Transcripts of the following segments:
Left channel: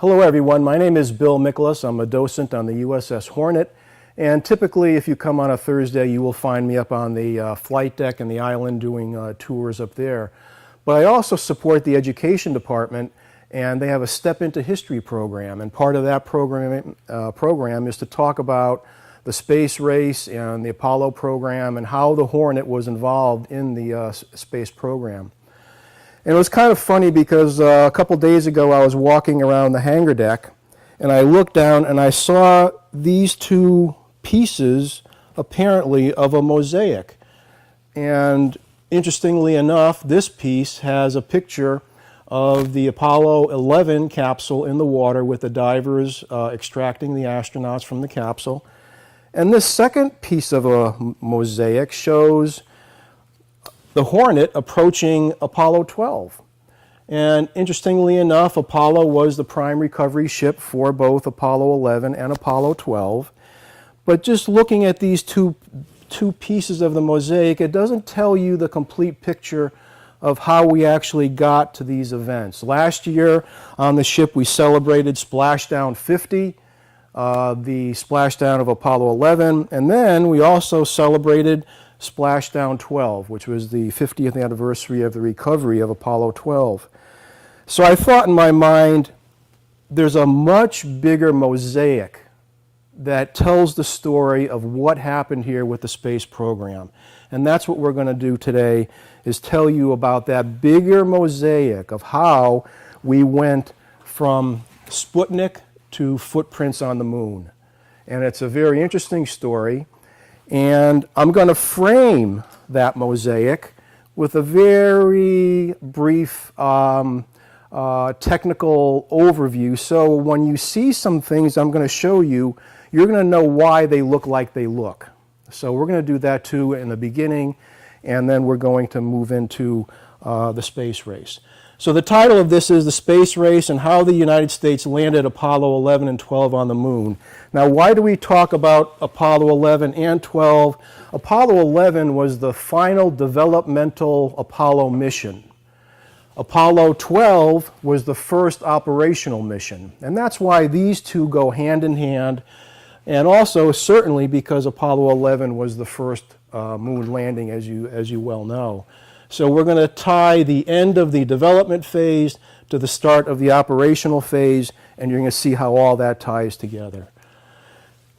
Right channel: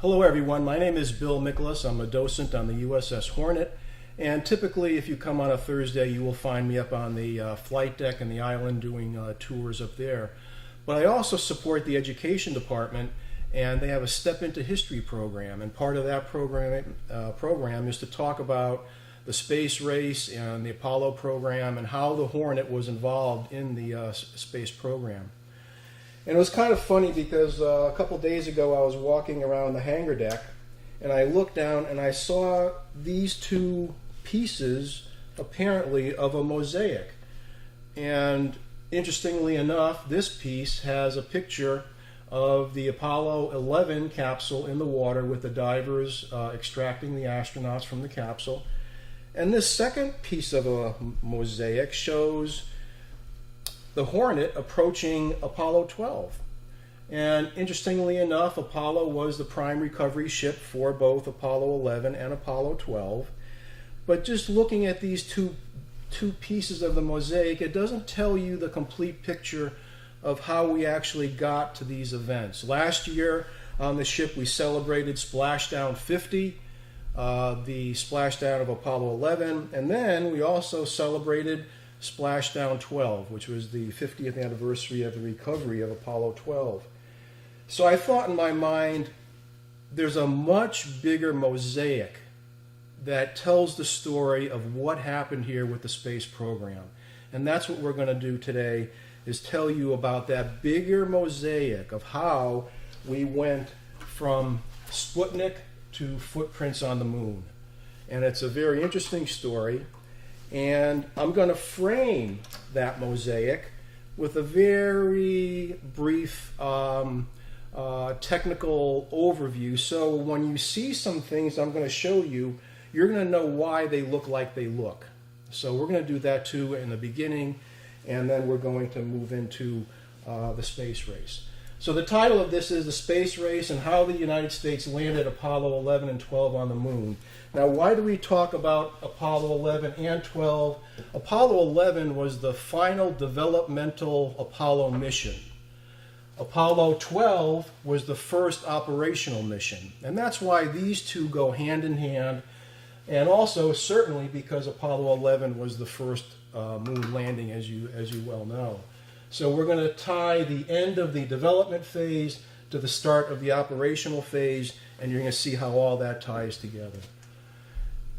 Hello everyone, my name is Bill Miklas. I'm a docent on the USS Hornet, and typically if you come on a Thursday you will find me up on the flight deck and the island doing tours up there. But I also support the education department, and they have a Step Into History program, and part of that program is to talk about the space race and the Apollo program and how the Hornet was involved in the space program. And it was kind of funny because a couple days ago I was walking around the hangar deck and I looked down and I saw these two pieces apparently of a mosaic. And interestingly enough, this piece has a picture of the Apollo 11 capsule in the water with the divers extracting the astronauts from the capsule. And this second piece of a mosaic shows the Hornet approaching Apollo 12. And interestingly enough, Apollo was the prime recovery ship for both Apollo 11 and Apollo 12. But just looking at these two pieces of the mosaic, it doesn't tell you the complete picture of how we actually got to these events. Last year on the ship we celebrated Splashdown 50, the splashdown of Apollo 11, and then we also celebrated Splashdown 12, which was the 50th anniversary of the recovery of Apollo 12. So I thought in my mind, there's a much bigger mosaic that tells the story of what happened here with the space program. And that's what we're going to do today, is tell you about that bigger mosaic of how we went from Sputnik to footprints on the moon. And it's a very interesting story. And I'm going to frame that mosaic with a very brief technical overview. So when you see some things I'm going to show you, you're going to know why they look like they look. So we're going to do that too in the beginning, and then we're going to move into the space race. So the title of this is The Space Race and How the United States Landed Apollo 11 and 12 on the Moon. Now, why do we talk about Apollo 11 and 12? Apollo 11 was the final developmental Apollo mission. Apollo 12 was the first operational mission. And that's why these two go hand in hand. And also, certainly, because Apollo 11 was the first moon landing, as you well know. So we're going to tie the end of the development phase to the start of the operational phase, and you're going to see how all that ties together.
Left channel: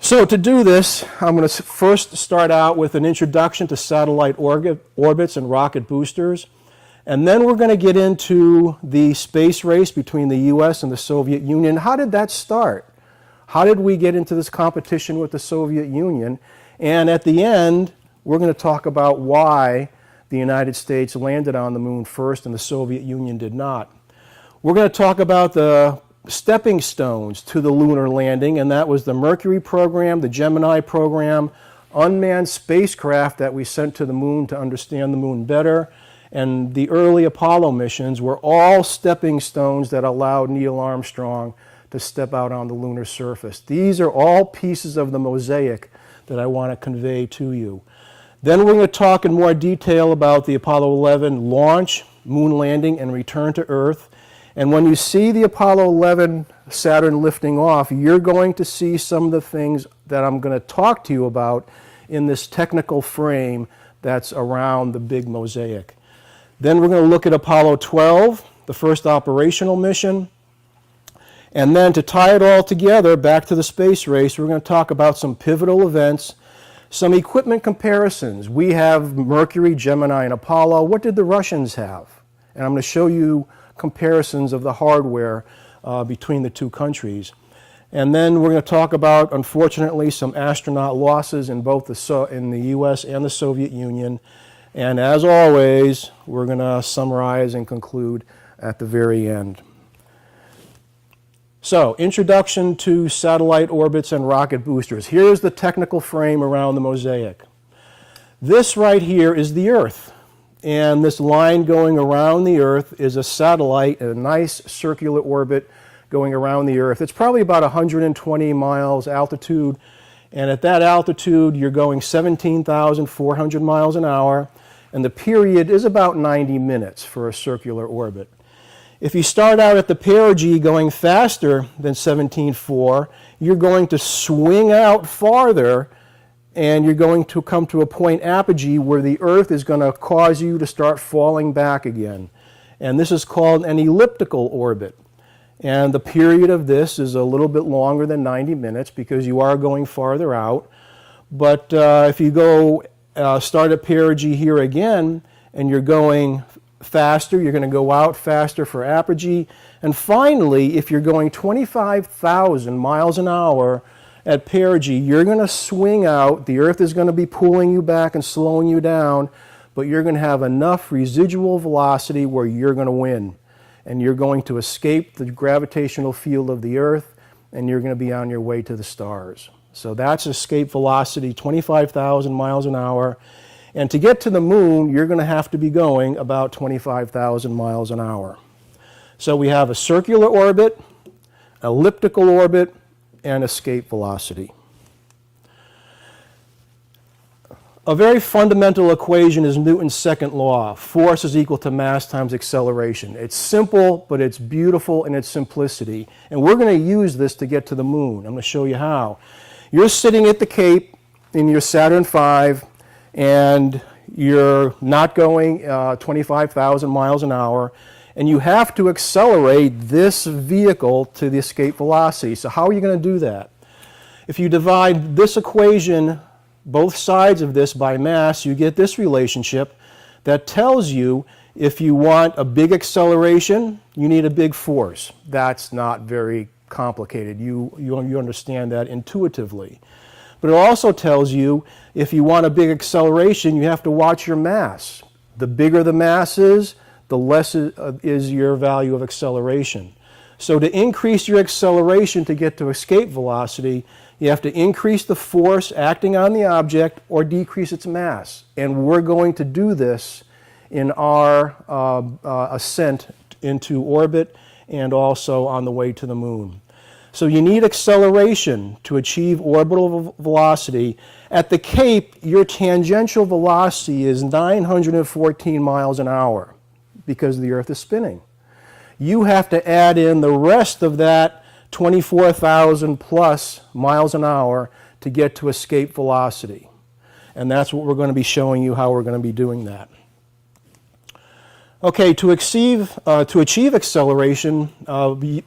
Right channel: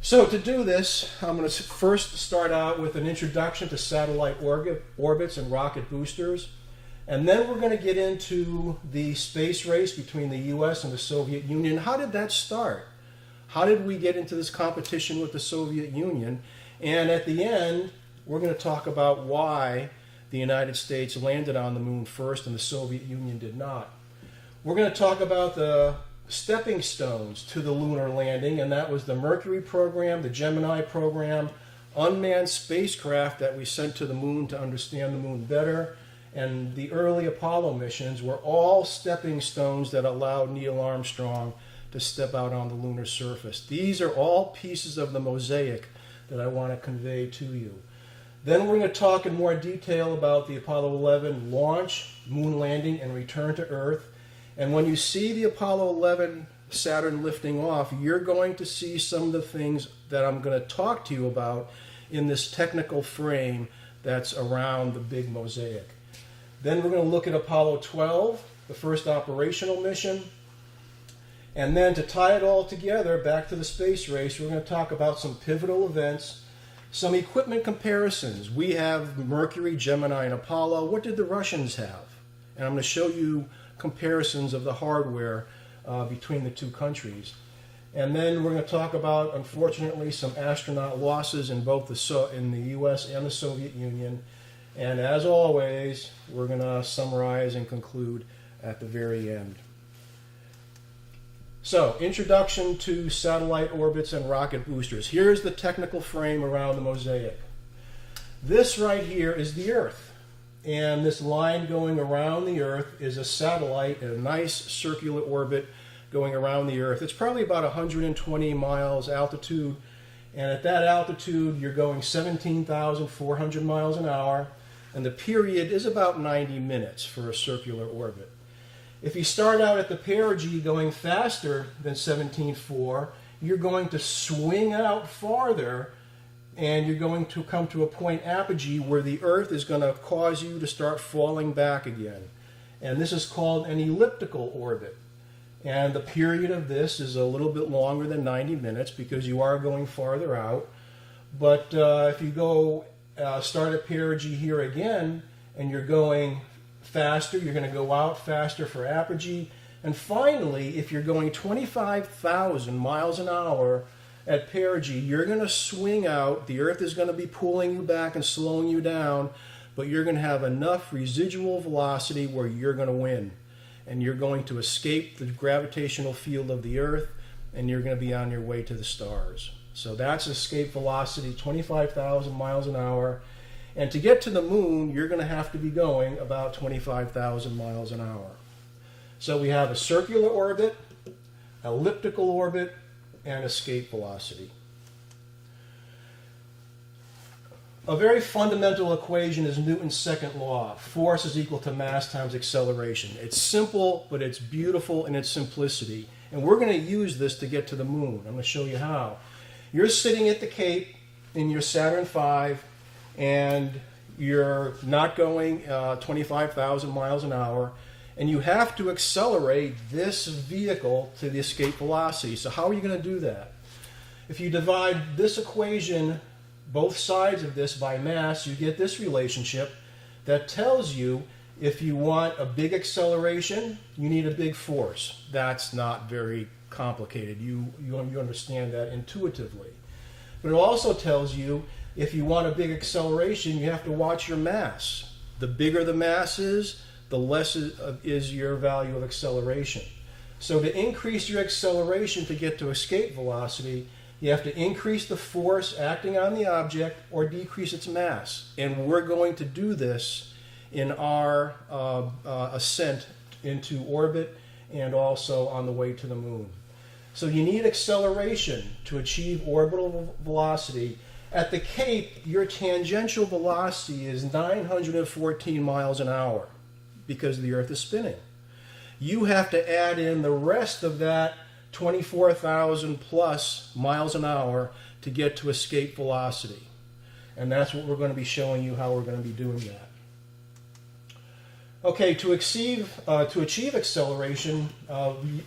So to do this, I'm going to first start out with an introduction to satellite orbits and rocket boosters, and then we're going to get into the space race between the US and the Soviet Union. How did that start? How did we get into this competition with the Soviet Union? And at the end, we're going to talk about why the United States landed on the moon first and the Soviet Union did not. We're going to talk about the stepping stones to the lunar landing, and that was the Mercury program, the Gemini program, unmanned spacecraft that we sent to the moon to understand the moon better, and the early Apollo missions were all stepping stones that allowed Neil Armstrong to step out on the lunar surface. These are all pieces of the mosaic that I want to convey to you. Then we're going to talk in more detail about the Apollo 11 launch, moon landing, and return to Earth. And when you see the Apollo 11 Saturn lifting off, you're going to see some of the things that I'm going to talk to you about in this technical frame that's around the big mosaic. Then we're going to look at Apollo 12, the first operational mission. And then to tie it all together, back to the space race, we're going to talk about some pivotal events, some equipment comparisons. We have Mercury, Gemini, and Apollo. What did the Russians have? And I'm going to show you comparisons of the hardware between the two countries. And then we're going to talk about, unfortunately, some astronaut losses in both in the US and the Soviet Union. And as always, we're going to summarize and conclude at the very end. So, introduction to satellite orbits and rocket boosters. Here's the technical frame around the mosaic. This right here is the Earth. And this line going around the Earth is a satellite in a nice circular orbit going around the Earth. It's probably about 120 miles altitude. And at that altitude, you're going 17,400 miles an hour. And the period is about 90 minutes for a circular orbit. If you start out at the perigee going faster than 17.4, you're going to swing out farther, and you're going to come to a point apogee where the Earth is going to cause you to start falling back again. And this is called an elliptical orbit. And the period of this is a little bit longer than 90 minutes because you are going farther out. But if you go start at perigee here again, and you're going faster, you're going to go out faster for apogee. And finally, if you're going 25,000 miles an hour at perigee, you're going to swing out. The Earth is going to be pulling you back and slowing you down, but you're going to have enough residual velocity where you're going to win. And you're going to escape the gravitational field of the Earth, and you're going to be on your way to the stars. So that's escape velocity, 25,000 miles an hour. And to get to the moon, you're going to have to be going about 25,000 miles an hour. So we have a circular orbit, elliptical orbit, and escape velocity. A very fundamental equation is Newton's second law. Force is equal to mass times acceleration. It's simple, but it's beautiful in its simplicity. And we're going to use this to get to the moon. I'm going to show you how. You're sitting at the Cape in your Saturn V, and you're not going 25,000 miles an hour, and you have to accelerate this vehicle to the escape velocity. So how are you going to do that? If you divide this equation, both sides of this, by mass, you get this relationship that tells you if you want a big acceleration, you need a big force. That's not very complicated. You understand that intuitively. But it also tells you if you want a big acceleration, you have to watch your mass. The bigger the mass is, the less is your value of acceleration. So to increase your acceleration to get to escape velocity, you have to increase the force acting on the object or decrease its mass. And we're going to do this in our ascent into orbit and also on the way to the moon. So you need acceleration to achieve orbital velocity. At the Cape, your tangential velocity is 914 miles an hour because the Earth is spinning. You have to add in the rest of that 24,000 plus miles an hour to get to escape velocity. And that's what we're going to be showing you how we're going to be doing that. Okay, to achieve acceleration,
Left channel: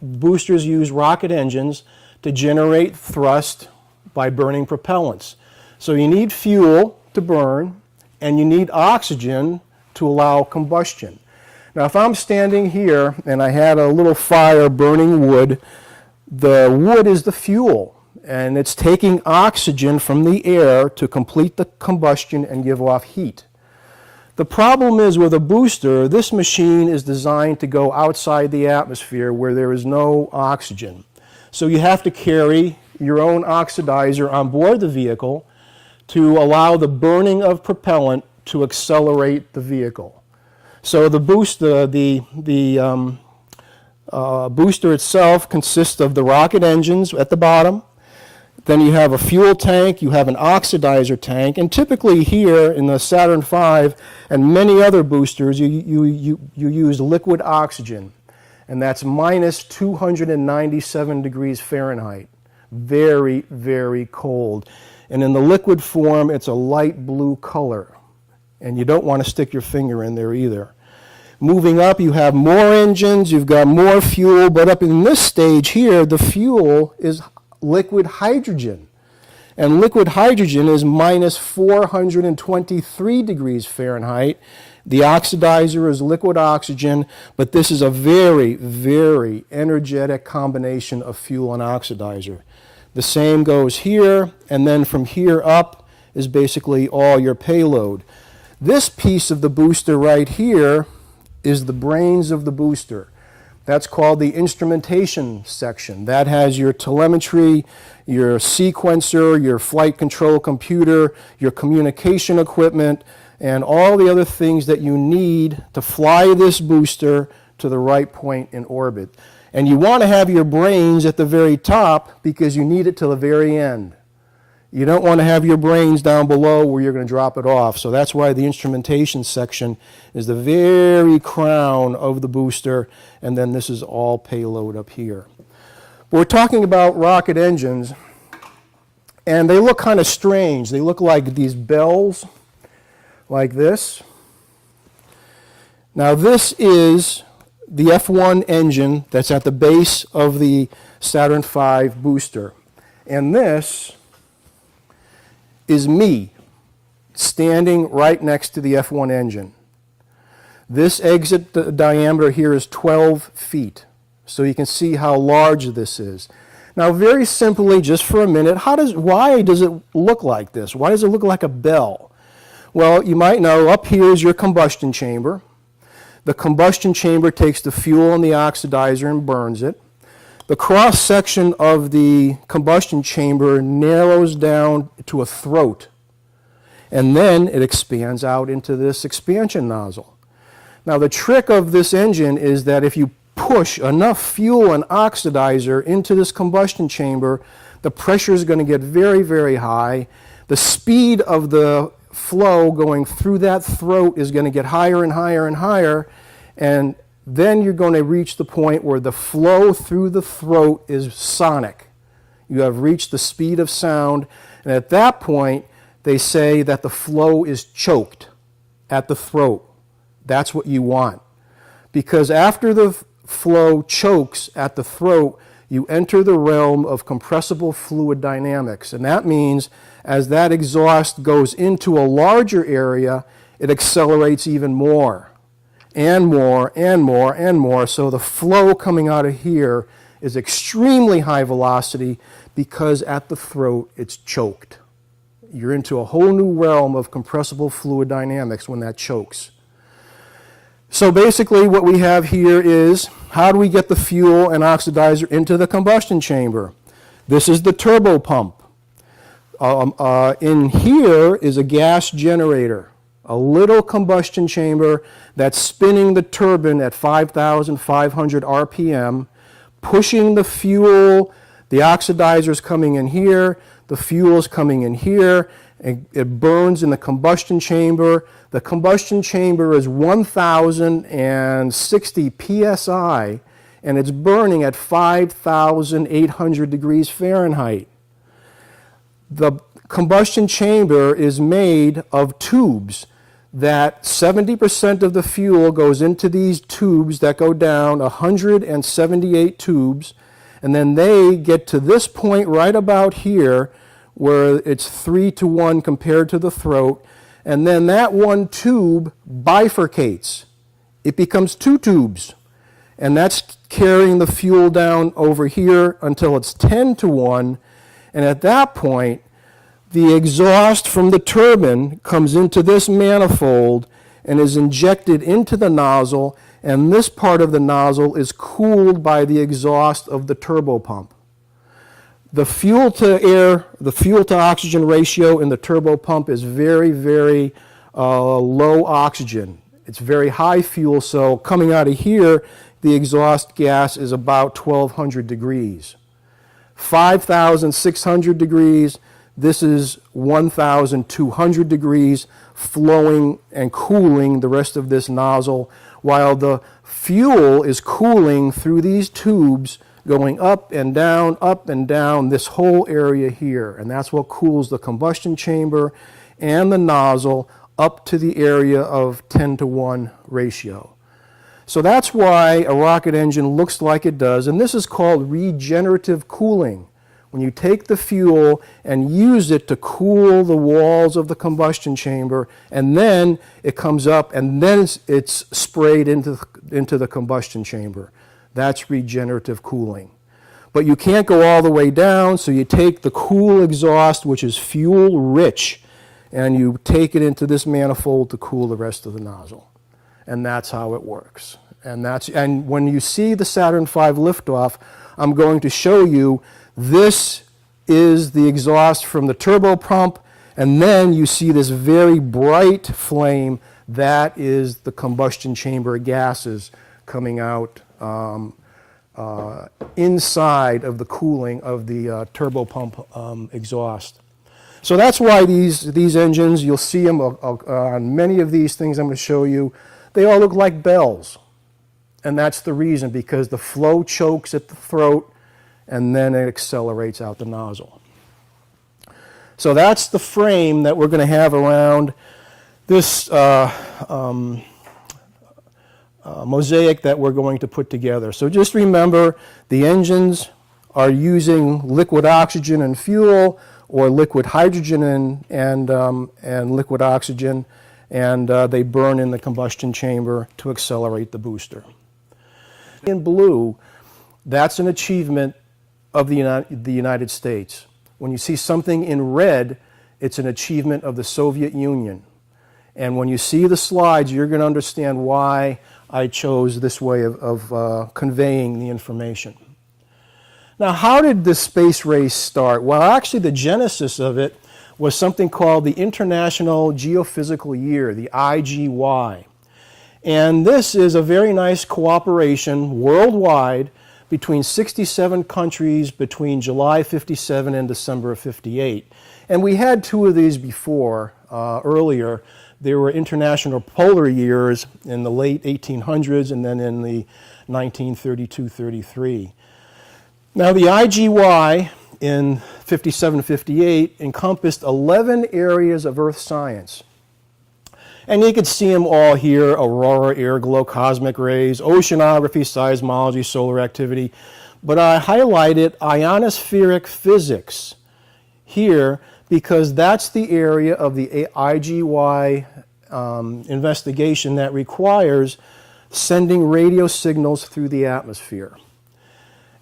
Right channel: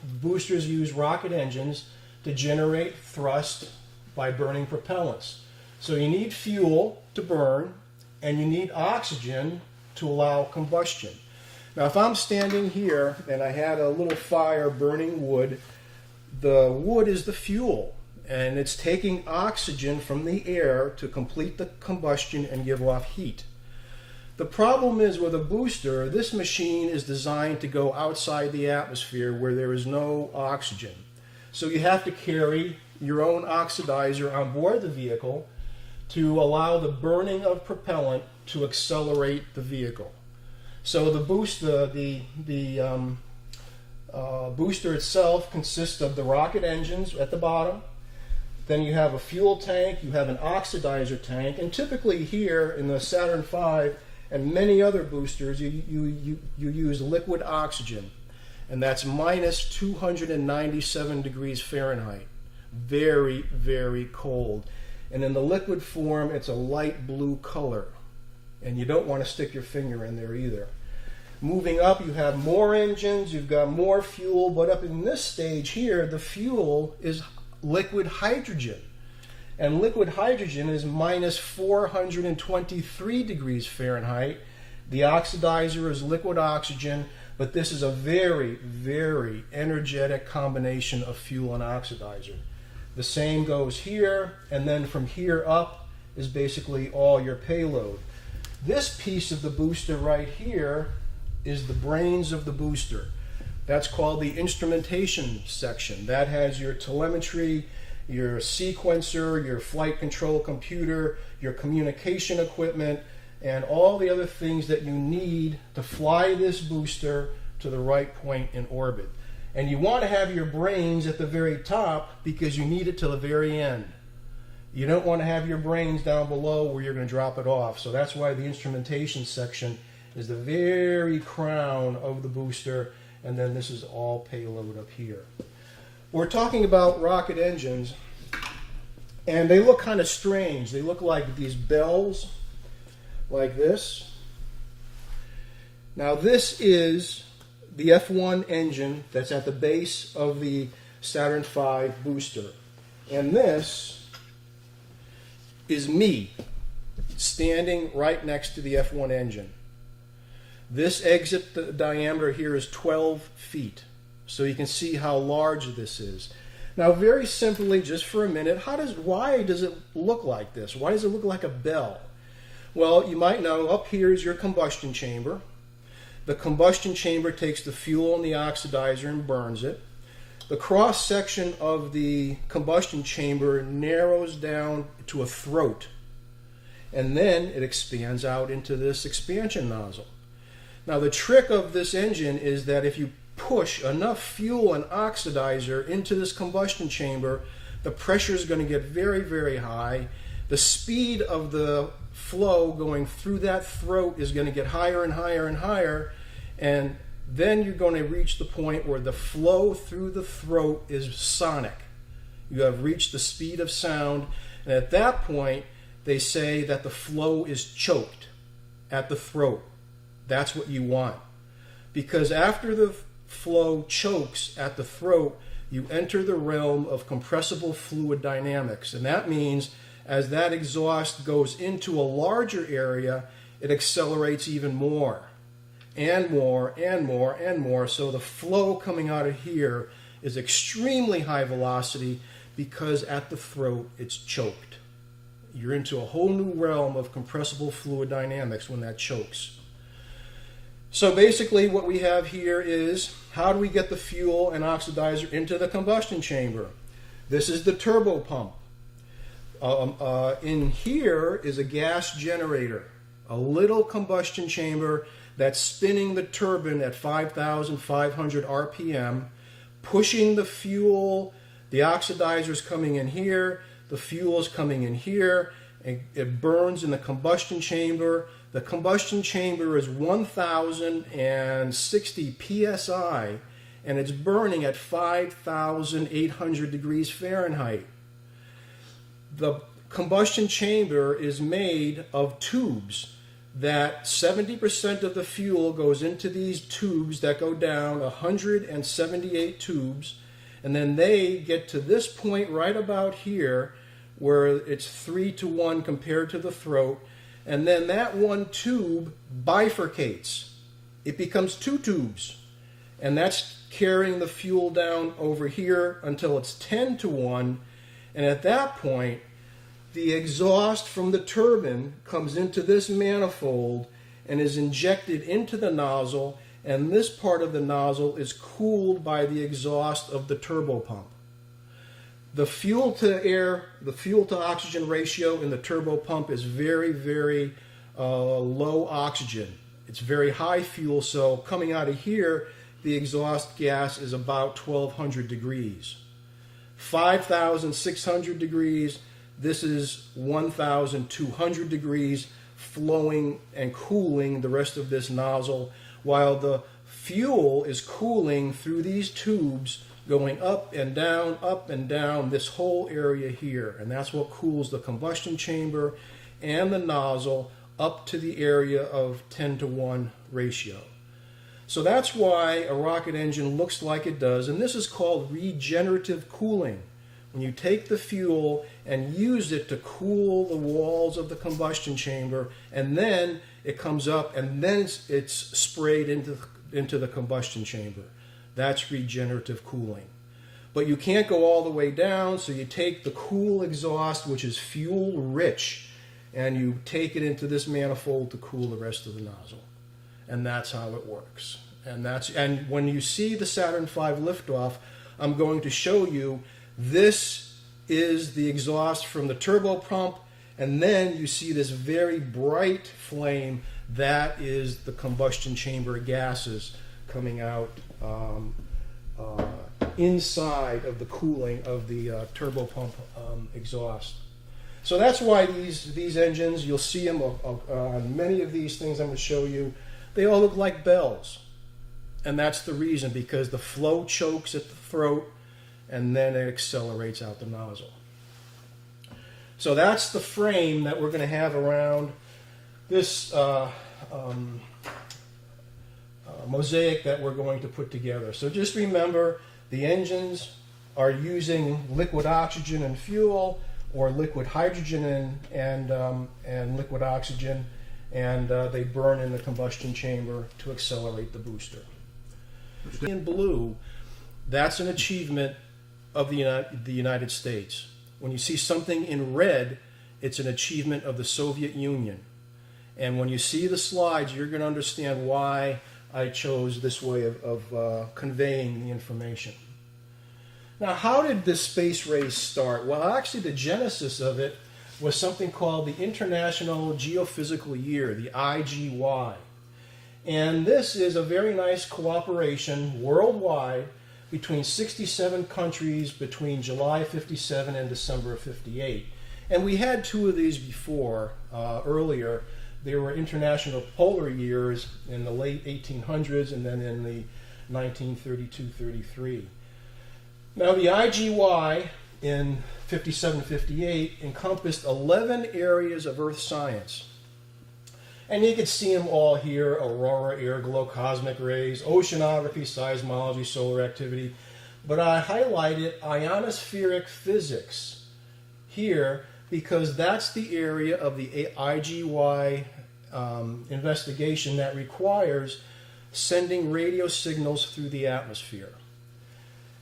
boosters use rocket engines to generate thrust by burning propellants. So you need fuel to burn, and you need oxygen to allow combustion. Now, if I'm standing here and I had a little fire burning wood, the wood is the fuel, and it's taking oxygen from the air to complete the combustion and give off heat. The problem is with a booster, this machine is designed to go outside the atmosphere where there is no oxygen. So you have to carry your own oxidizer on board the vehicle to allow the burning of propellant to accelerate the vehicle. So the booster, booster itself consists of the rocket engines at the bottom. Then you have a fuel tank, you have an oxidizer tank, and typically here in the Saturn V and many other boosters, you use liquid oxygen, and that's minus 297 degrees Fahrenheit. Very, very cold. And in the liquid form, it's a light blue color, and you don't want to stick your finger in there either. Moving up, you have more engines, you've got more fuel, but up in this stage here, the fuel is liquid hydrogen. And liquid hydrogen is minus 423 degrees Fahrenheit. The oxidizer is liquid oxygen, but this is a very, very energetic combination of fuel and oxidizer. The same goes here, and then from here up is basically all your payload. This piece of the booster right here is the brains of the booster. That's called the instrumentation section. That has your telemetry, your sequencer, your flight control computer, your communication equipment, and all the other things that you need to fly this booster to the right point in orbit. And you want to have your brains at the very top because you need it till the very end. You don't want to have your brains down below where you're going to drop it off. So that's why the instrumentation section is the very crown of the booster, and then this is all payload up here. We're talking about rocket engines, and they look kind of strange. They look like these bells, like this. Now this is the F1 engine that's at the base of the Saturn V booster. And this is me standing right next to the F1 engine. This exit diameter here is 12 feet. So you can see how large this is. Now very simply, just for a minute, why does it look like this? Why does it look like a bell? Well, you might know up here is your combustion chamber. The combustion chamber takes the fuel and the oxidizer and burns it. The cross section of the combustion chamber narrows down to a throat, and then it expands out into this expansion nozzle. Now the trick of this engine is that if you push enough fuel and oxidizer into this combustion chamber, the pressure is going to get very, very high. The speed of the flow going through that throat is going to get higher and higher and higher, and then you're going to reach the point where the flow through the throat is sonic. You have reached the speed of sound, and at that point they say that the flow is choked at the throat. That's what you want, because after the flow chokes at the throat, you enter the realm of compressible fluid dynamics, and that means as that exhaust goes into a larger area, it accelerates even more and more and more and more. So the flow coming out of here is extremely high velocity because at the throat it's choked. You're into a whole new realm of compressible fluid dynamics when that chokes. So basically what we have here is, how do we get the fuel and oxidizer into the combustion chamber? This is the turbo pump. In here is a gas generator, a little combustion chamber that's spinning the turbine at 5,500 RPM, pushing the fuel. The oxidizer's coming in here, the fuel's coming in here, and it burns in the combustion chamber. The combustion chamber is 1,060 psi, and it's burning at 5,800 degrees Fahrenheit. The combustion chamber is made of tubes that 70% of the fuel goes into these tubes that go down 178 tubes, and then they get to this point right about here where it's 3-to-1 compared to the throat, and then that one tube bifurcates. It becomes two tubes, and that's carrying the fuel down over here until it's 10-to-1, and at that point the exhaust from the turbine comes into this manifold and is injected into the nozzle, and this part of the nozzle is cooled by the exhaust of the turbo pump. The fuel to air, the fuel to oxygen ratio in the turbo pump is very, very low oxygen. It's very high fuel, so coming out of here, the exhaust gas is about 1,200 degrees. 5,600 degrees, this is 1,200 degrees, flowing and cooling the rest of this nozzle, while the fuel is cooling through these tubes, going up and down this whole area here. And that's what cools the combustion chamber and the nozzle up to the area of 10-to-1 ratio. So that's why a rocket engine looks like it does, and this is called regenerative cooling. When you take the fuel and use it to cool the walls of the combustion chamber, and then it comes up and then it's sprayed into the combustion chamber. That's regenerative cooling. But you can't go all the way down, so you take the cool exhaust, which is fuel rich, and you take it into this manifold to cool the rest of the nozzle. And that's how it works. And when you see the Saturn V liftoff, I'm going to show you this is the exhaust from the turbo pump, and then you see this very bright flame. That is the combustion chamber gases coming out inside of the cooling of the turbo pump exhaust. So that's why these engines, you'll see them on many of these things I'm going to show you, they all look like bells. and that's the reason, because the flow chokes at the throat and then it accelerates out the nozzle. So that's the frame that we're going to have around this mosaic that we're going to put together. So just remember, the engines are using liquid oxygen and fuel, or liquid hydrogen and liquid oxygen, and they burn in the combustion chamber to accelerate the booster. In blue, that's an achievement of the United States. When you see something in red, it's an achievement of the Soviet Union. And when you see the slides, you're going to understand why I chose this way of conveying the information. Now, how did the space race start? Well, actually, the genesis of it was something called the International Geophysical Year, the IGY. And this is a very nice cooperation worldwide between 67 countries between July 57 and December of 58. And we had two of these before, earlier. There were international polar years in the late 1800s and then in the 1932-33. Now, the IGY in 57-58 encompassed 11 areas of Earth science. And you can see them all here: aurora, airglow, cosmic rays, oceanography, seismology, solar activity. But I highlighted ionospheric physics here because that's the area of the IGY investigation that requires sending radio signals through the atmosphere.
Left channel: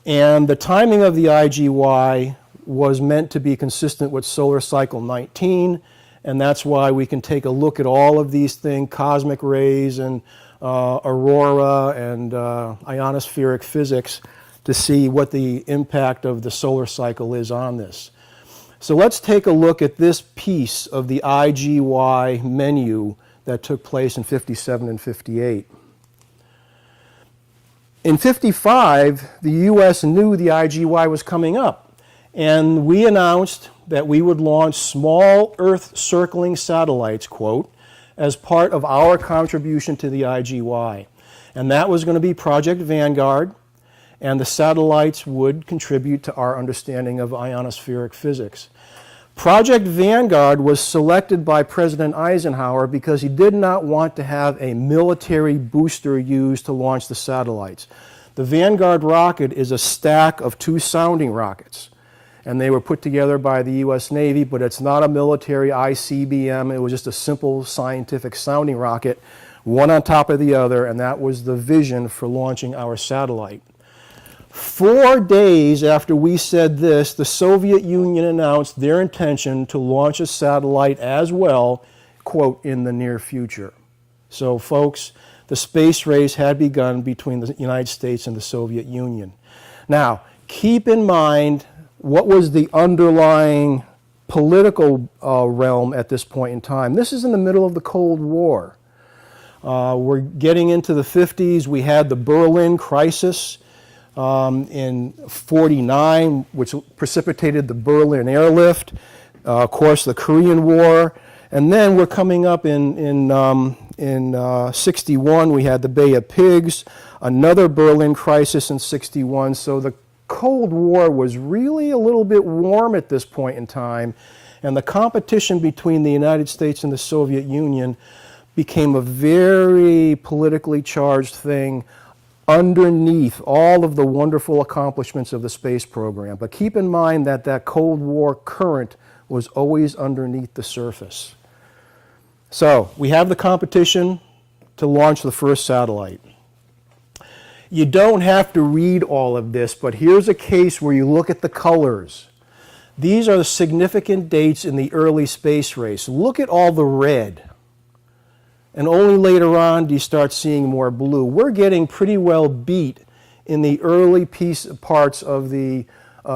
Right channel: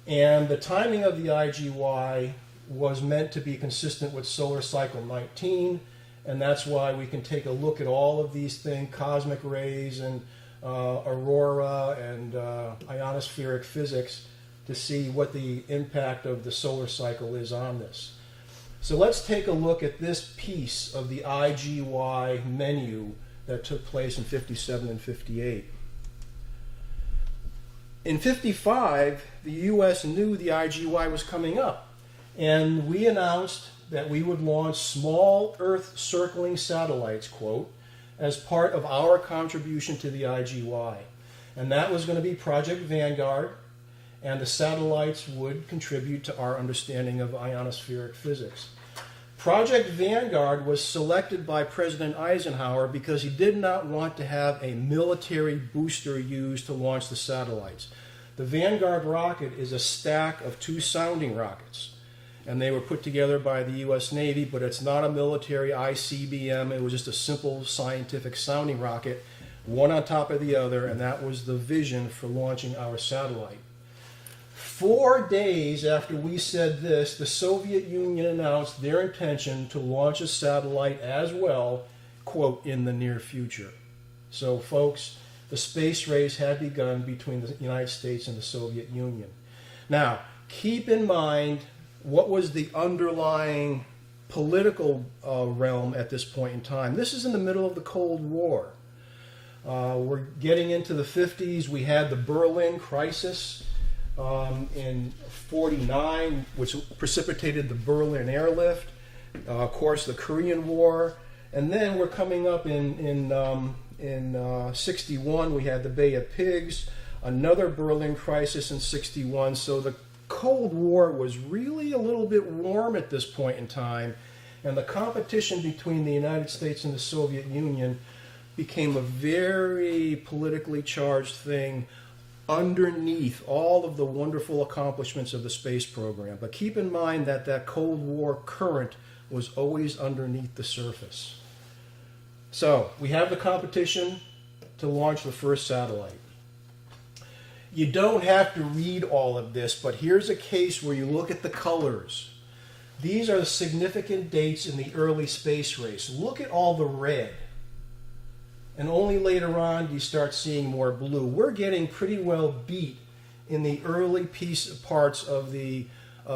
And the timing of the IGY was meant to be consistent with solar cycle 19, and that's why we can take a look at all of these things, cosmic rays and aurora and ionospheric physics, to see what the impact of the solar cycle is on this. So let's take a look at this piece of the IGY menu that took place in 57 and 58. In 55, the U.S. knew the IGY was coming up, and we announced that we would launch small Earth-circling satellites, quote, as part of our contribution to the IGY. And that was going to be Project Vanguard, and the satellites would contribute to our understanding of ionospheric physics. Project Vanguard was selected by President Eisenhower because he did not want to have a military booster used to launch the satellites. The Vanguard rocket is a stack of two sounding rockets, and they were put together by the U.S. Navy, but it's not a military ICBM. It was just a simple scientific sounding rocket, one on top of the other, and that was the vision for launching our satellite. 4 days after we said this, the Soviet Union announced their intention to launch a satellite as well, quote, in the near future. So, folks, the space race had begun between the United States and the Soviet Union. Now, keep in mind what was the underlying political realm at this point in time. This is in the middle of the Cold War. We're getting into the 50s. We had the Berlin crisis in 49, which precipitated the Berlin airlift, of course the Korean War, and then we're coming up in 61, we had the Bay of Pigs, another Berlin crisis in 61, so the Cold War was really a little bit warm at this point in time, and the competition between the United States and the Soviet Union became a very politically charged thing underneath all of the wonderful accomplishments of the space program. But keep in mind that that Cold War current was always underneath the surface. So we have the competition to launch the first satellite. You don't have to read all of this, but here's a case where you look at the colors. These are the significant dates in the early space race. Look at all the red. And only later on do you start seeing more blue. We're getting pretty well beat in the early parts of the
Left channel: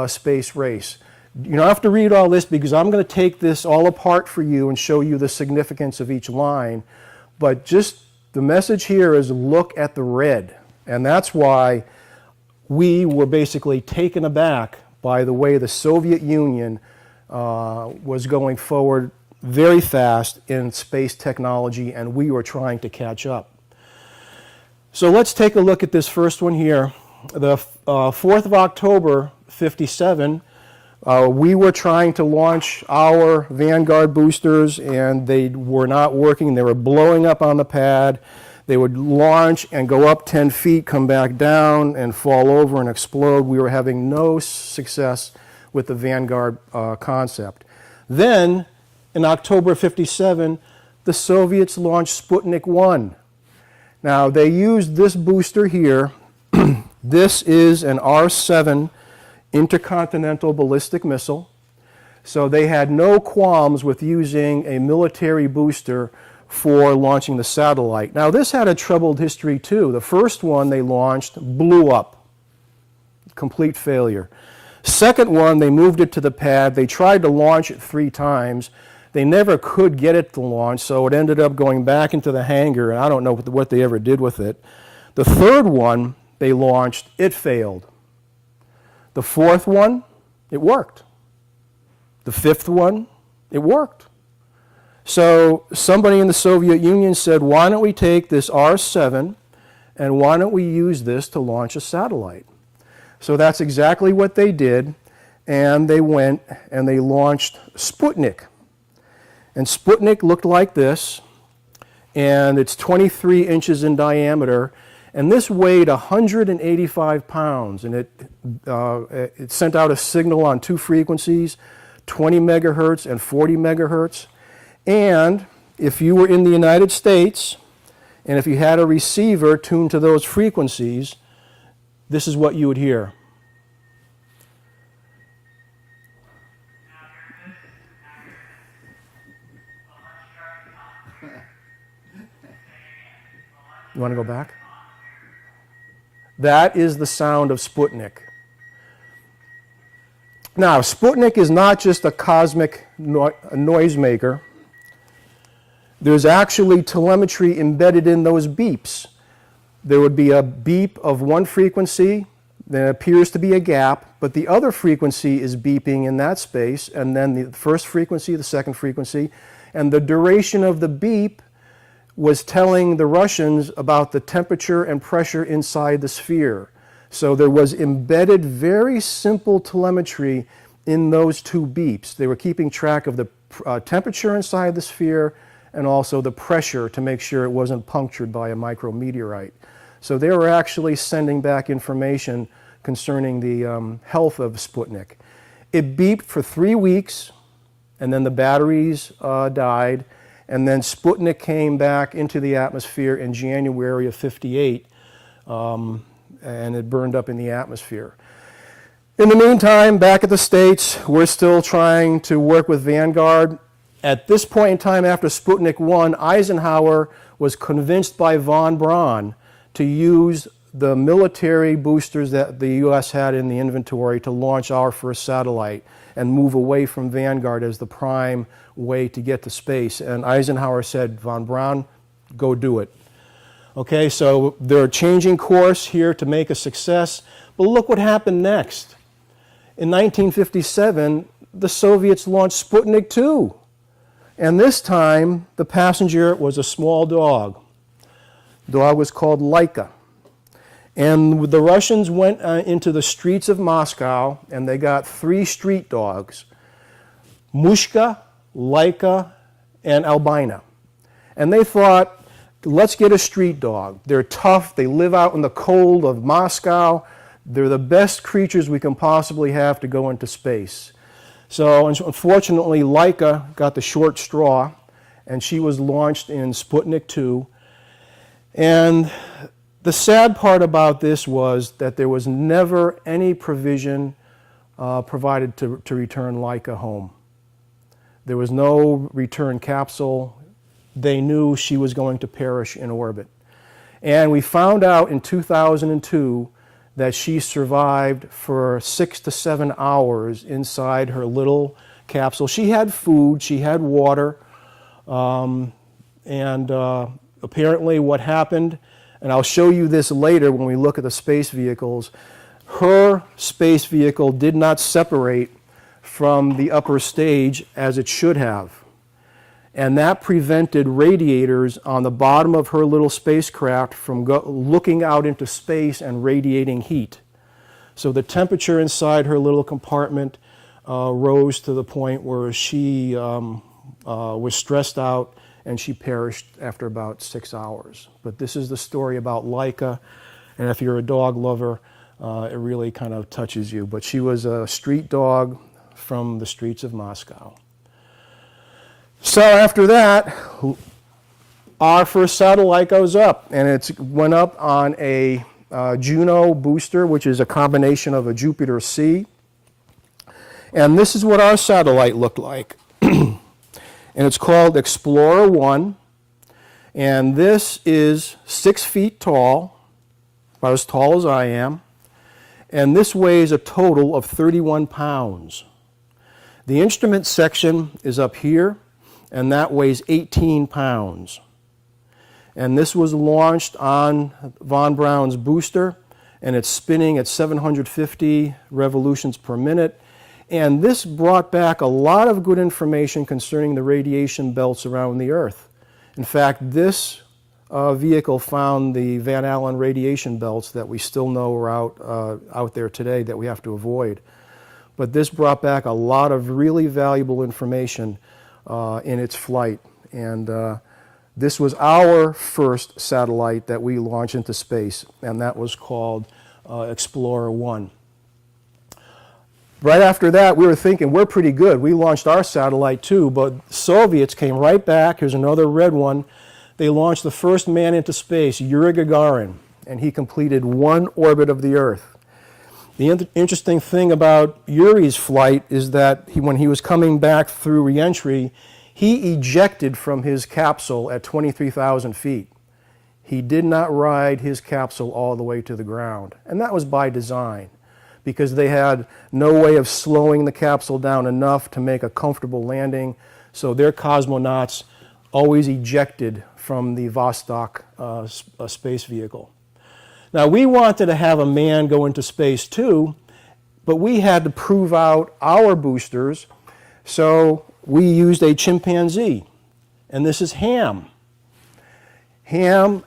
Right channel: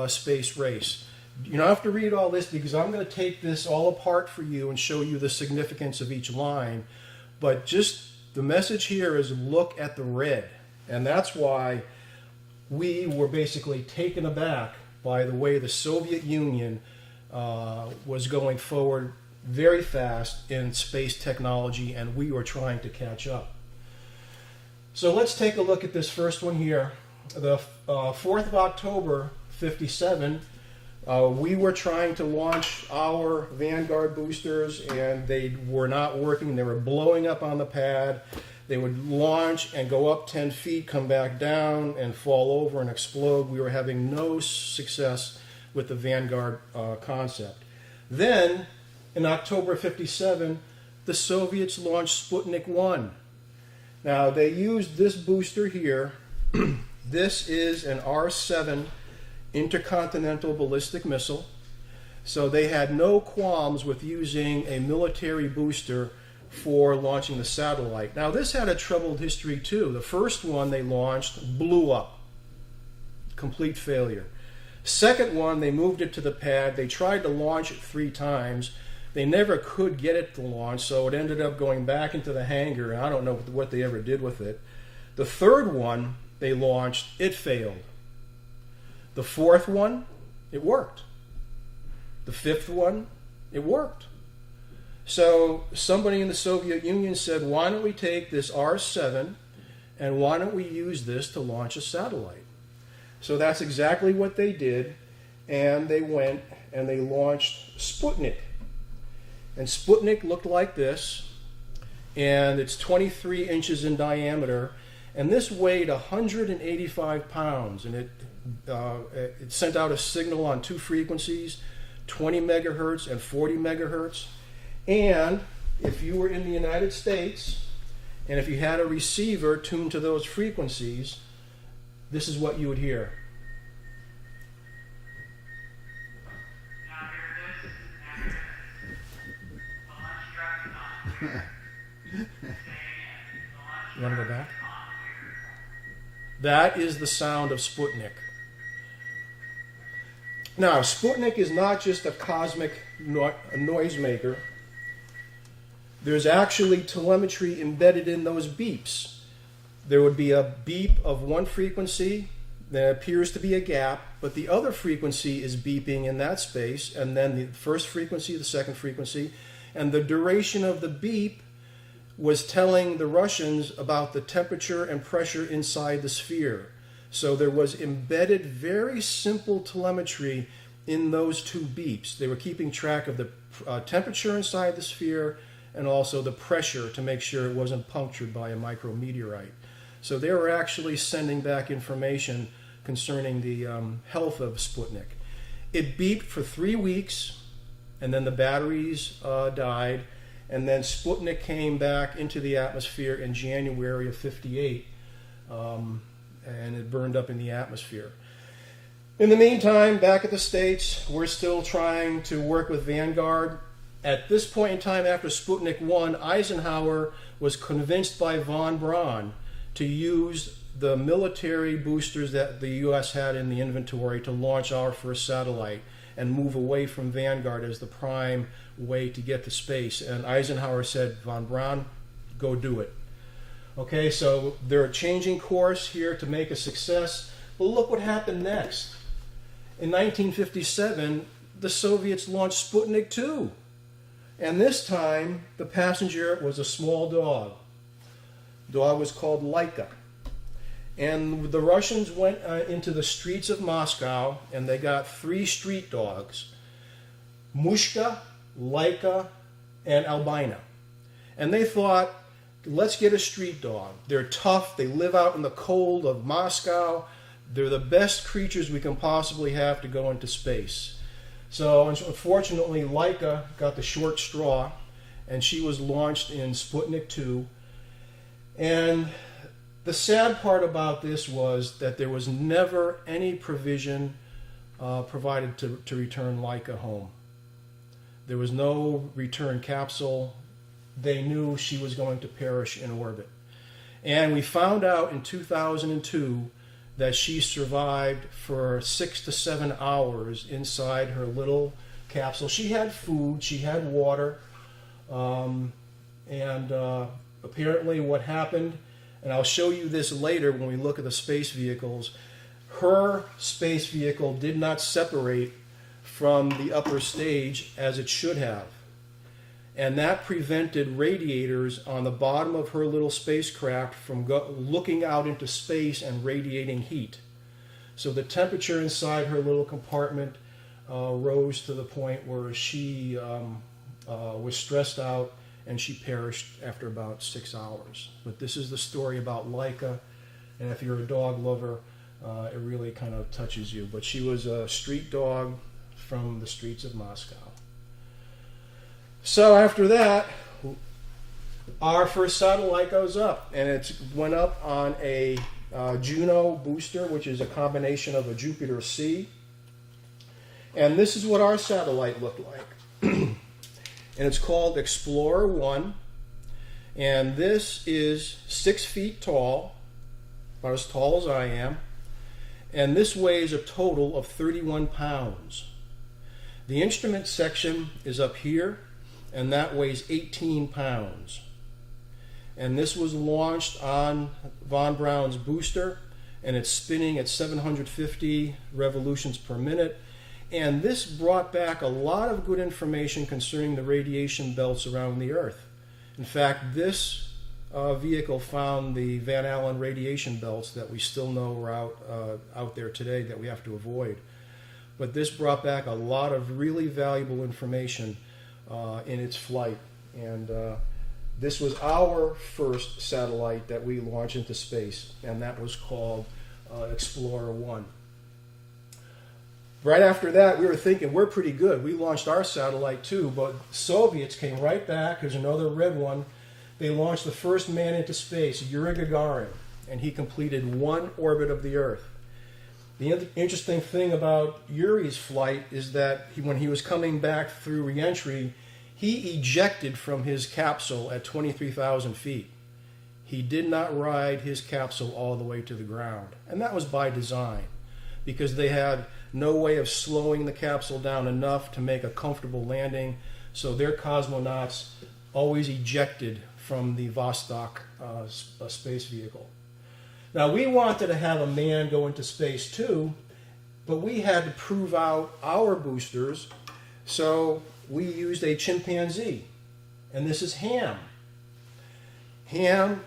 space race. You don't have to read all this because I'm going to take this all apart for you and show you the significance of each line. But just the message here is look at the red. And that's why we were basically taken aback by the way the Soviet Union was going forward very fast in space technology, and we were trying to catch up. So let's take a look at this first one here. The 4th of October, 57, we were trying to launch our Vanguard boosters, and they were not working. They were blowing up on the pad. They would launch and go up 10 feet, come back down, and fall over and explode. We were having no success with the Vanguard concept. Then, in October 57, the Soviets launched Sputnik 1. Now, they used this booster here. This is an R-7 intercontinental ballistic missile. So they had no qualms with using a military booster for launching the satellite. Now, this had a troubled history, too. The first one they launched blew up. Complete failure. Second one, they moved it to the pad. They tried to launch it 3 times. They never could get it to launch, so it ended up going back into the hangar, and I don't know what they ever did with it. The third one they launched, it failed. The fourth one, it worked. The fifth one, it worked. So somebody in the Soviet Union said, why don't we take this R-7 and why don't we use this to launch a satellite? So that's exactly what they did, and they went and they launched Sputnik. And Sputnik looked like this, and it's 23 inches in diameter, and this weighed 185 pounds, and it sent out a signal on 2 frequencies, 20 megahertz and 40 megahertz. And if you were in the United States, and if you had a receiver tuned to those frequencies, this is what you would hear. You want to go back? That is the sound of Sputnik. Now, Sputnik is not just a cosmic noisemaker. There's actually telemetry embedded in those beeps. There would be a beep of one frequency, there appears to be a gap, but the other frequency is beeping in that space, and then the first frequency, the second frequency, and the duration of the beep was telling the Russians about the temperature and pressure inside the sphere. So there was embedded very simple telemetry in those 2 beeps. They were keeping track of the temperature inside the sphere and also the pressure to make sure it wasn't punctured by a micrometeorite. So they were actually sending back information concerning the health of Sputnik. It beeped for 3 weeks, and then the batteries died, and then Sputnik came back into the atmosphere in January of 58, and it burned up in the atmosphere. In the meantime, back at the States, we're still trying to work with Vanguard. At this point in time, after Sputnik 1, Eisenhower was convinced by von Braun to use the military boosters that the U.S. had in the inventory to launch our first satellite and move away from Vanguard as the prime way to get to space. And Eisenhower said, von Braun, go do it. Okay, so they're changing course here to make a success. But look what happened next. In 1957, the Soviets launched Sputnik 2. And this time, the passenger was a small dog. The dog was called Laika. And the Russians went into the streets of Moscow, and they got 3 street dogs, Mushka, Laika, and Albina. And they thought, let's get a street dog. They're tough. They live out in the cold of Moscow. They're the best creatures we can possibly have to go into space. So unfortunately, Laika got the short straw, and she was launched in Sputnik 2. And the sad part about this was that there was never any provision provided to return Laika home. There was no return capsule. They knew she was going to perish in orbit. And we found out in 2002 that she survived for 6 to 7 hours inside her little capsule. She had food, she had water, and apparently what happened, and I'll show you this later when we look at the space vehicles, her space vehicle did not separate from the upper stage as it should have. and that prevented radiators on the bottom of her little spacecraft from looking out into space and radiating heat. So the temperature inside her little compartment rose to the point where she was stressed out, and she perished after about 6 hours. But this is the story about Laika, and if you're a dog lover, it really kind of touches you. But she was a street dog from the streets of Moscow. So after that, our first satellite goes up, and it went up on a Juno booster, which is a combination of a Jupiter C. And this is what our satellite looked like. And it's called Explorer 1. And this is 6 feet tall, about as tall as I am. And this weighs a total of 31 pounds. The instrument section is up here, and that weighs 18 pounds. And this was launched on von Braun's booster, and it's spinning at 750 revolutions per minute. And this brought back a lot of good information concerning the radiation belts around the Earth. In fact, this vehicle found the Van Allen radiation belts that we still know are out there today that we have to avoid. But this brought back a lot of really valuable information in its flight. And this was our first satellite that we launched into space, and that was called Explorer 1. Right after that, we were thinking, we're pretty good. We launched our satellite too, but Soviets came right back. Here's another red one. They launched the first man into space, Yuri Gagarin, and he completed 1 orbit of the Earth. The interesting thing about Yuri's flight is that when he was coming back through reentry, he ejected from his capsule at 23,000 feet. He did not ride his capsule all the way to the ground, and that was by design, because they had no way of slowing the capsule down enough to make a comfortable landing, so their cosmonauts always ejected from the Vostok space vehicle. Now, we wanted to have a man go into space too, but we had to prove out our boosters, so we used a chimpanzee, and this is Ham. Ham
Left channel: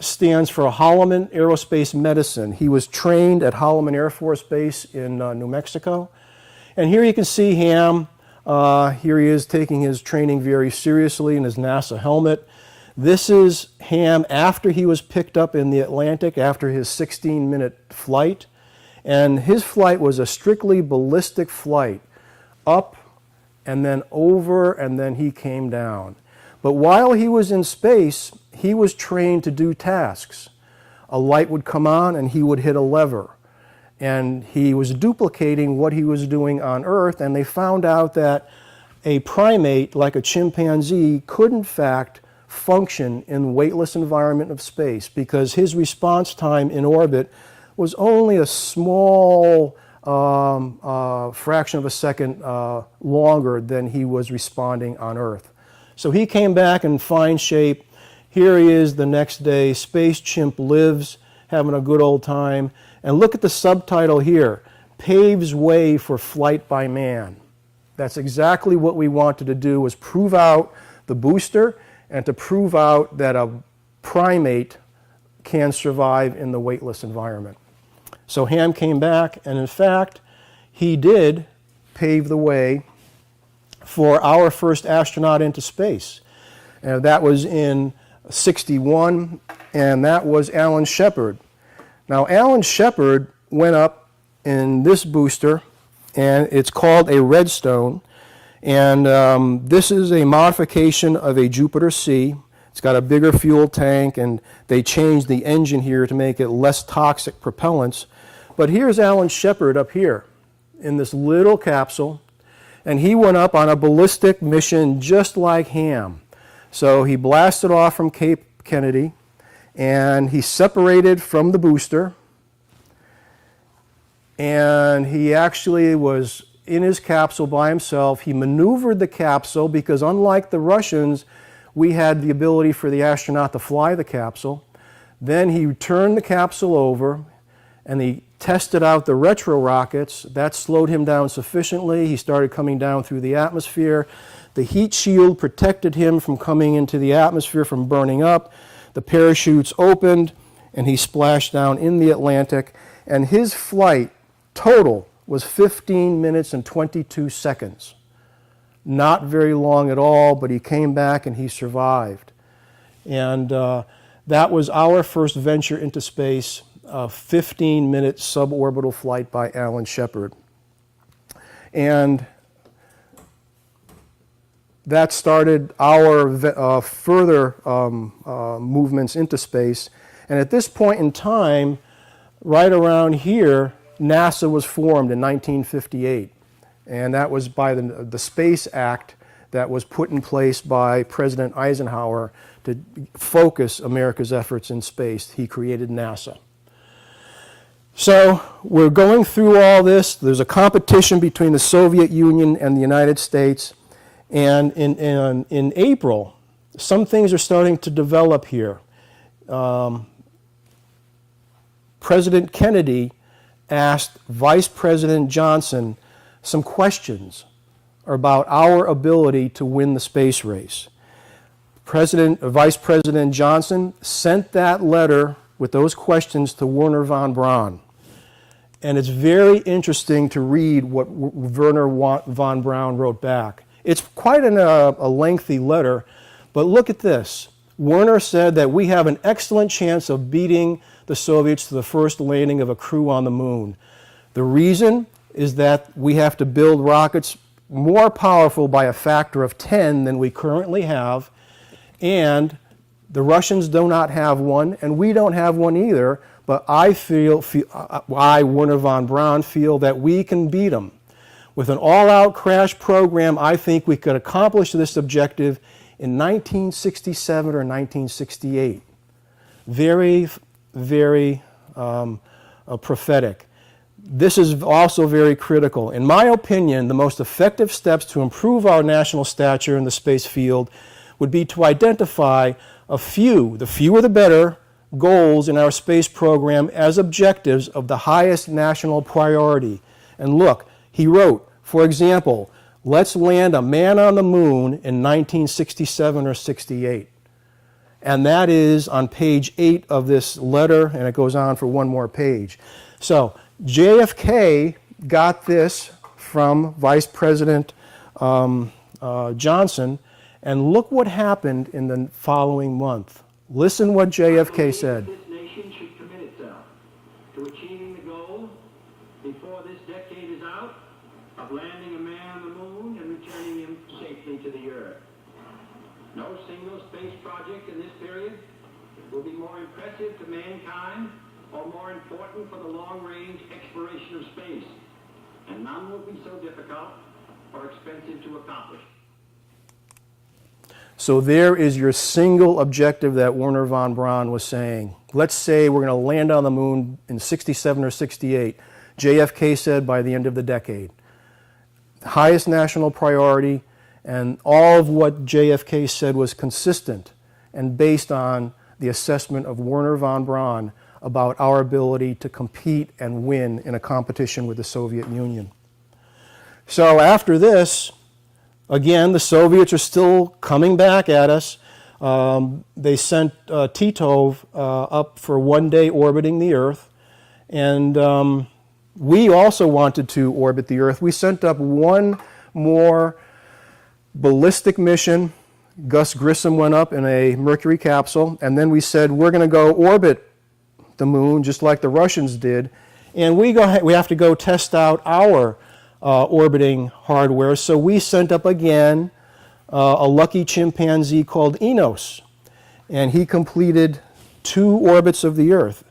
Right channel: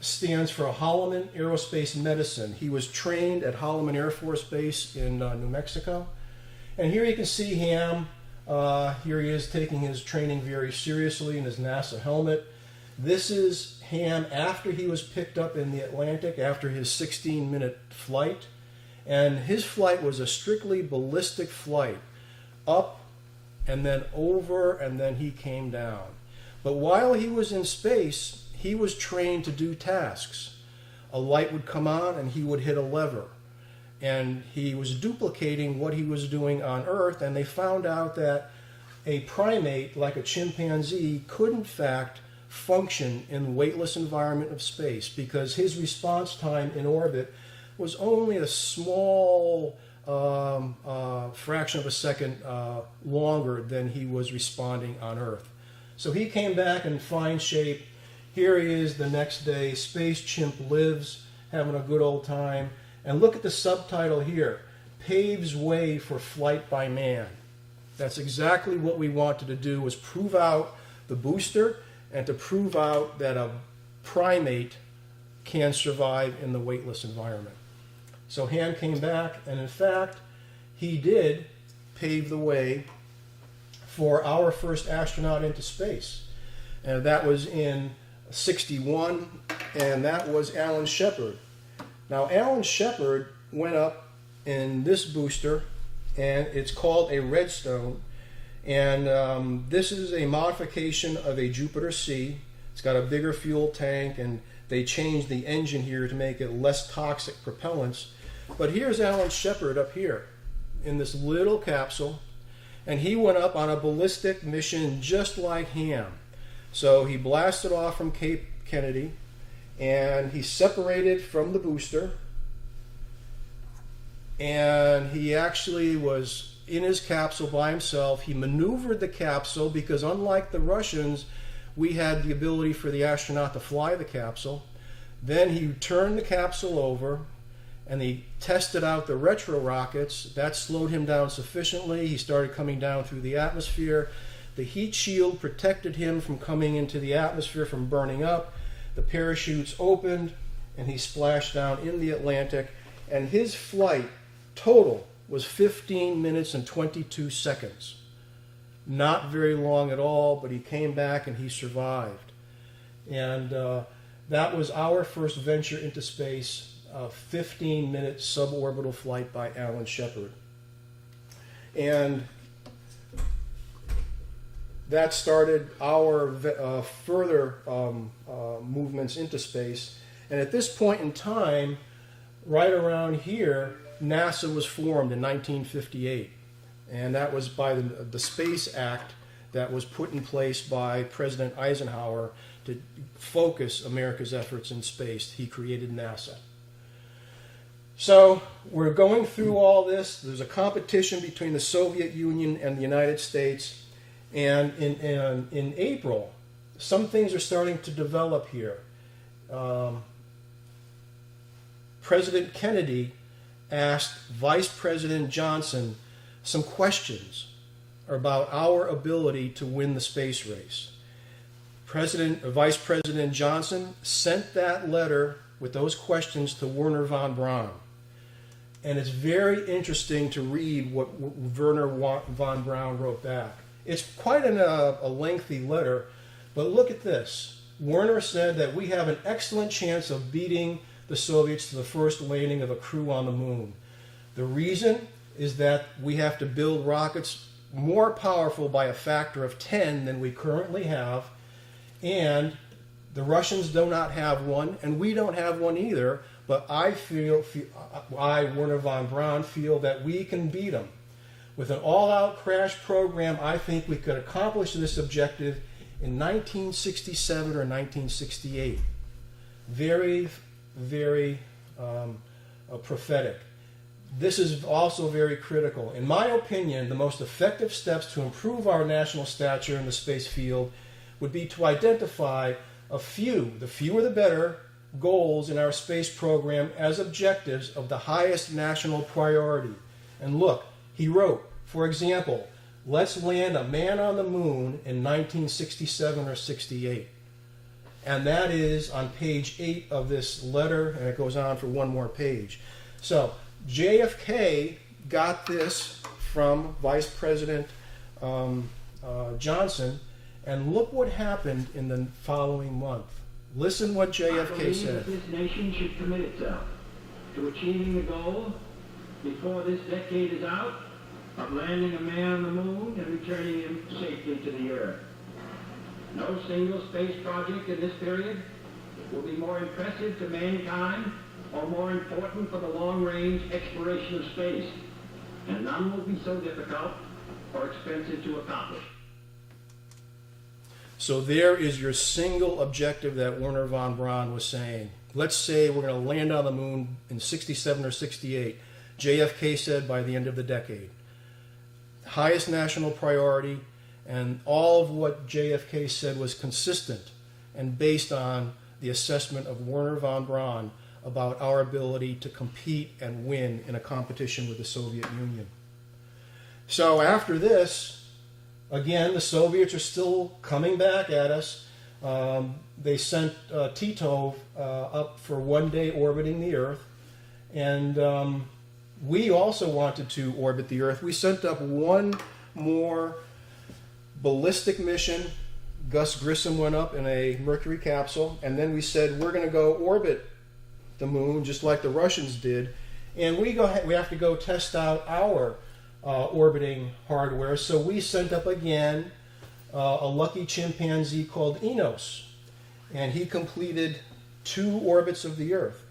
stands for Holloman Aerospace Medicine. He was trained at Holloman Air Force Base in New Mexico. And here you can see Ham. Here he is taking his training very seriously in his NASA helmet. This is Ham after he was picked up in the Atlantic after his 16-minute flight. And his flight was a strictly ballistic flight, up and then over, and then he came down. But while he was in space, he was trained to do tasks. A light would come on and he would hit a lever. And he was duplicating what he was doing on Earth, and they found out that a primate like a chimpanzee could in fact function in the weightless environment of space, because his response time in orbit was only a small fraction of a second longer than he was responding on Earth. So he came back in fine shape. Here he is the next day. Space Chimp lives, having a good old time. And look at the subtitle here, Paves Way for Flight by Man. That's exactly what we wanted to do, was prove out the booster and to prove out that a primate can survive in the weightless environment. So Ham came back, and in fact, he did pave the way for our first astronaut into space. That was in '61, and that was Alan Shepard. Now, Alan Shepard went up in this booster, and it's called a Redstone, and this is a modification of a Jupiter C. It's got a bigger fuel tank, and they changed the engine here to make it less toxic propellants. But here's Alan Shepard up here in this little capsule, and he went up on a ballistic mission just like Ham. So he blasted off from Cape Kennedy, and he separated from the booster, and he actually was in his capsule by himself. He maneuvered the capsule because, unlike the Russians, we had the ability for the astronaut to fly the capsule. Then he turned the capsule over, and he tested out the retro rockets. That slowed him down sufficiently. He started coming down through the atmosphere. The heat shield protected him from coming into the atmosphere, from burning up. The parachutes opened, and he splashed down in the Atlantic. And his flight total was 15 minutes and 22 seconds. Not very long at all, but he came back and he survived. And that was our first venture into space, a 15-minute suborbital flight by Alan Shepard. And that started our further movements into space. And at this point in time, right around here, NASA was formed in 1958. And that was by the Space Act that was put in place by President Eisenhower to focus America's efforts in space. He created NASA. So we're going through all this. There's a competition between the Soviet Union and the United States. And in April, some things are starting to develop here. President Kennedy asked Vice President Johnson some questions about our ability to win the space race. Vice President Johnson sent that letter with those questions to Wernher von Braun. And it's very interesting to read what Wernher von Braun wrote back. It's quite a lengthy letter, but look at this. Wernher said that we have an excellent chance of beating the Soviets to the first landing of a crew on the moon. The reason is that we have to build rockets more powerful by a factor of 10 than we currently have, and the Russians do not have one, and we don't have one either, but I, Wernher von Braun, feel that we can beat them. With an all-out crash program, I think we could accomplish this objective in 1967 or 1968. Very, very prophetic. This is also very critical. In my opinion, the most effective steps to improve our national stature in the space field would be to identify the fewer the better, goals in our space program as objectives of the highest national priority. And look, he wrote, for example, let's land a man on the moon in 1967 or 68. And that is on page 8 of this letter, and it goes on for one more page. So JFK got this from Vice President Johnson, and look what happened in the following month. Listen what JFK said. This nation should commit itself to achieving the goal before this decade is out of landing a man on the moon and returning him safely to the Earth. No single space project in this period will be more impressive to mankind or more important for the long-range exploration of space, and none will be so difficult or expensive to accomplish. So there is your single objective that Wernher von Braun was saying. Let's say we're going to land on the moon in 67 or 68. JFK said by the end of the decade. Highest national priority, and all of what JFK said was consistent and based on the assessment of Wernher von Braun about our ability to compete and win in a competition with the Soviet Union. So after this, again, the Soviets are still coming back at us. They sent Titov up for 1 day orbiting the Earth, and we also wanted to orbit the Earth. We sent up one more ballistic mission. Gus Grissom went up in a Mercury capsule, and then we said we're going to go orbit the moon just like the Russians did, and we have to go test out our orbiting hardware. So we sent up again a lucky chimpanzee called Enos, and he completed 2 orbits of the Earth.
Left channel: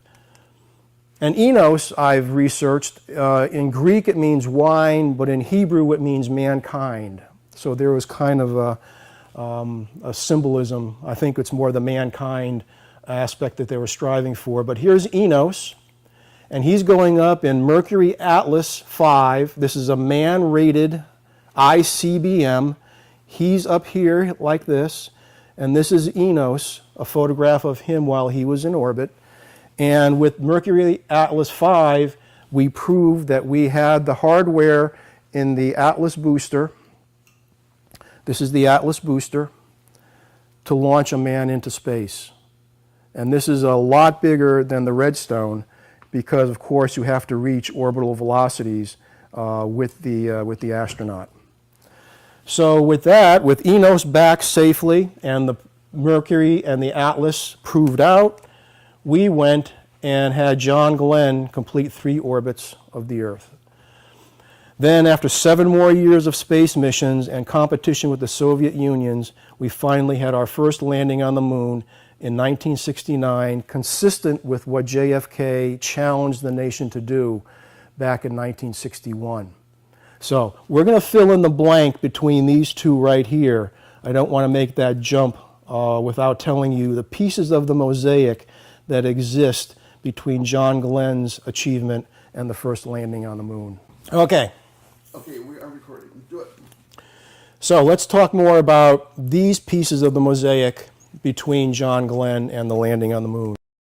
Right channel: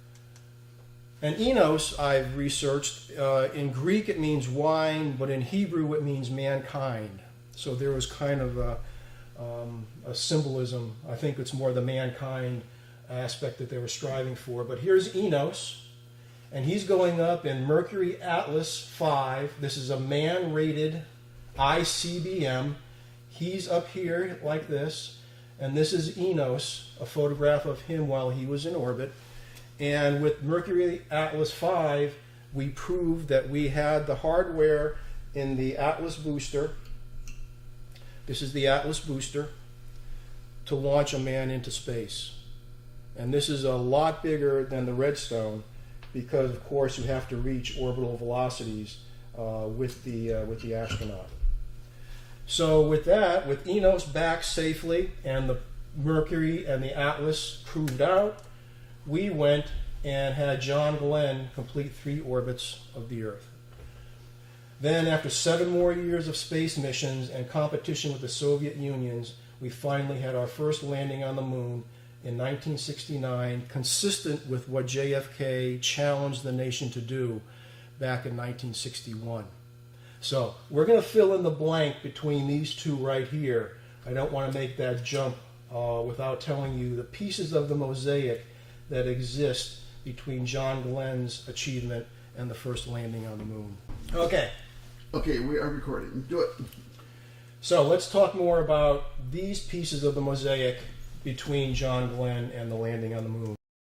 And Enos, I've researched, in Greek it means wine, but in Hebrew it means mankind. So there was kind of a symbolism. I think it's more the mankind aspect that they were striving for. But here's Enos, and he's going up in Mercury Atlas 5. This is a man-rated ICBM. He's up here like this, and this is Enos, a photograph of him while he was in orbit. And with Mercury Atlas 5, we proved that we had the hardware in the Atlas booster This is the Atlas booster to launch a man into space. And this is a lot bigger than the Redstone because, of course, you have to reach orbital velocities with the astronaut. So with that, with Enos back safely and the Mercury and the Atlas proved out, we went and had John Glenn complete 3 orbits of the Earth. Then, after 7 more years of space missions and competition with the Soviet Union, we finally had our first landing on the moon in 1969, consistent with what JFK challenged the nation to do back in 1961. So we're going to fill in the blank between these two right here. I don't want to make that jump without telling you the pieces of the mosaic that exist between John Glenn's achievement and the first landing on the moon. Okay. Okay, we are recording. Do it. So let's talk more about these pieces of the mosaic between John Glenn and the landing on the moon.